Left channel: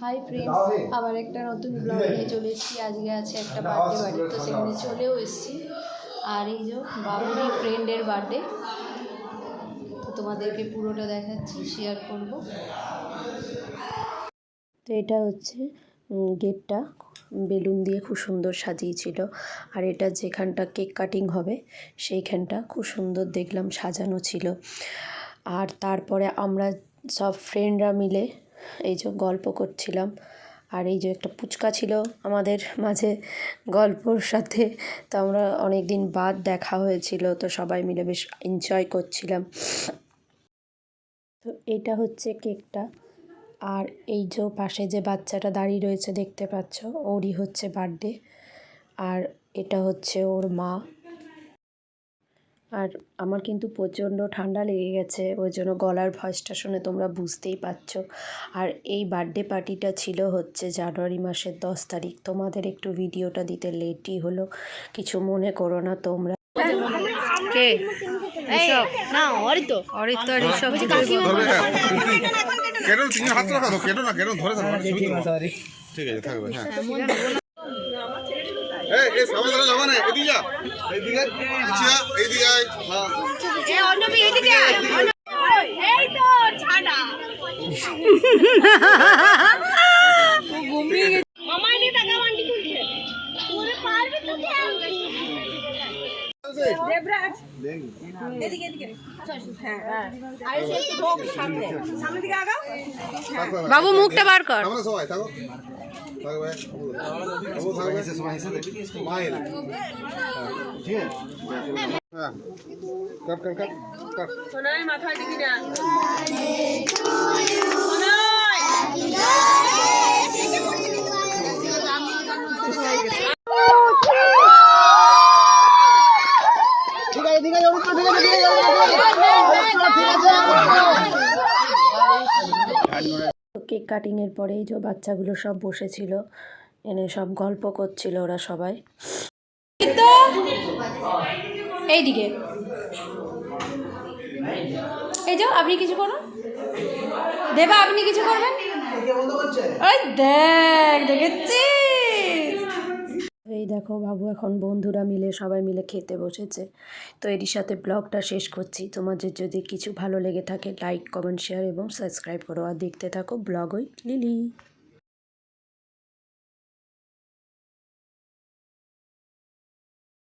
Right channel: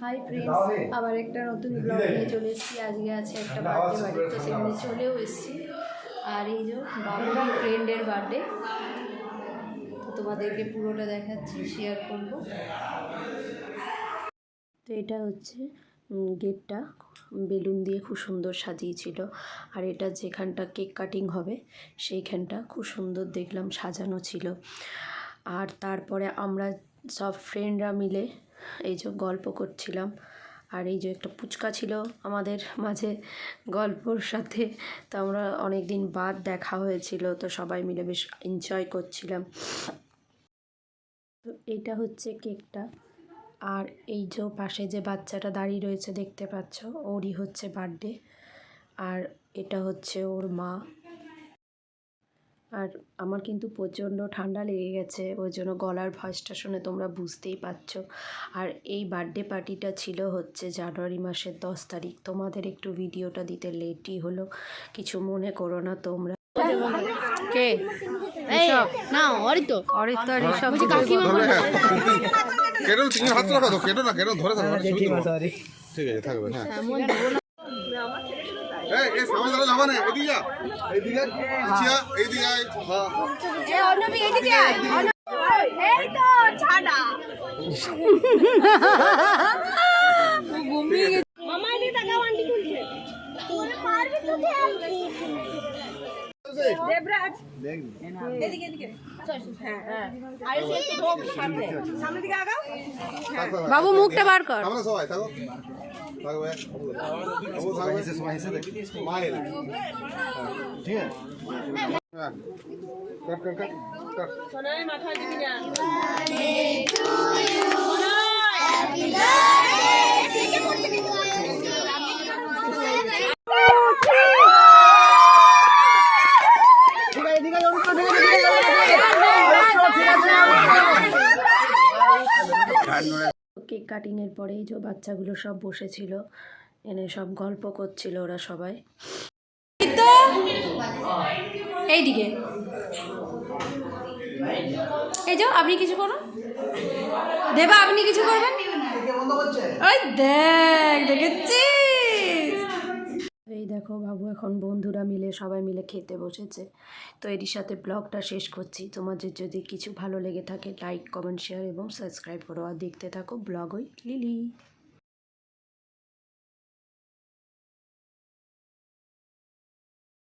Hi friends, আবার একটা নতুন ব্লগ নিয়ে চলে এসেছি। আজকে আছে একটা বার্থডে বাড়ি, তো সেখানে চলেও এসেছি। আর এই যে বাবুরই ফ্রেন্ডের বার্থডে, তো তোমাদেরকে পুরোটা দেখাচ্ছি, শেয়ার করব। তো এটা হচ্ছে গেটটা, বেলুন দিয়ে খুব সুন্দর সাজিয়েছিল। আর এটা যেখানটা কেক কাটিং হবে সেইখানটা খুব সুন্দর দেখলাম সাজানো ছিল। আর তারপরে আমরা সব ফ্রেন্ডরা মিলে এই যে গল্প করছিলাম। আর এই যে একটা পুচকা ছিল আমাদের মাঝে গল্পর সাথে, তো আমরা অনেক দিন বাদ দেখা হয়েছিল, তো সবাই মিলে বেশ এনজয় করছিলাম। তো এইটা হচ্ছে কেকটা। আর এই যে পাশে যে বাচ্চাটা দাঁড়িয়ে রয়েছে দেখতে পাচ্ছ, ওরই হচ্ছে বার্থডে। আর এটা হচ্ছে ওর মা। আর আমার কিন্তু প্রচণ্ড ঠান্ডা লেগে গেছে, ওই জন্য গলার ভয়েসটা শুনে তোমরা বুঝতেই পারছো। আর এই বার্থডে পার্টিটা ছিল হচ্ছে জানুয়ারি মাসের 10 তারিখ। তোমাদের একটু ভিডিওটা দিতে লেটই হলো, কিছু মনে করো না তোমরা। কে ঋষভ? না, অরিত্র। অরিত্র আর ঋষভ দুটোই বলবো। কেন তুমি হাত রাখো তো, কেন না কেন ধরে থাকো। ঠিক আছে থাকবে। হ্যাঁ এই সবাই ধরে যাবা না, এদিকে যা, এইদিকে পিছিয়া, এইদিকে আয়। হ্যাঁ এই অন্যমি এইদিকে আয়, এই তো ছাড়া ও ঘুমিয়ে গেছে। মামা নি টাকা বান্টি তুলছে, তোরে পারবে তো দেবরাজ এদিকে এদিকে। হ্যাঁ আরে সে ঢোক সামনে, সামনে দিকে আগাও। বাবু মুখটা বার কর। আমরা সবাই থাকো থাকবে। বাবু থাকবে সবাই এসে দেখি স্মাইল। ঠিক আছে কাট কাট কাট কাট। সোনাই মাথায় দিবি না। কেক কাটিংয়ের পরেই যে বাচ্চাগুলো সব বসেছিল, এনে সব গল্প করছিল ওরা সবাই। এইদিকে এই যে আপনি কিছু করুন, দেবা আপনি কিছু করবেন। ওই দেখ, দেখেছি। এই দেখো বাবু এখন বন্ধুরা মিলে সবাই মিলে খেতে বসেছে। তো এরই সাথে ব্লগটা শেষ করছি। তোমাদের যদি কিছু ভালো লেগে থাকে লাইক কমেন্ট শেয়ার এবং সাবস্ক্রাইব করো, আর দেখতে থাকো ব্লগ ওই লিলি।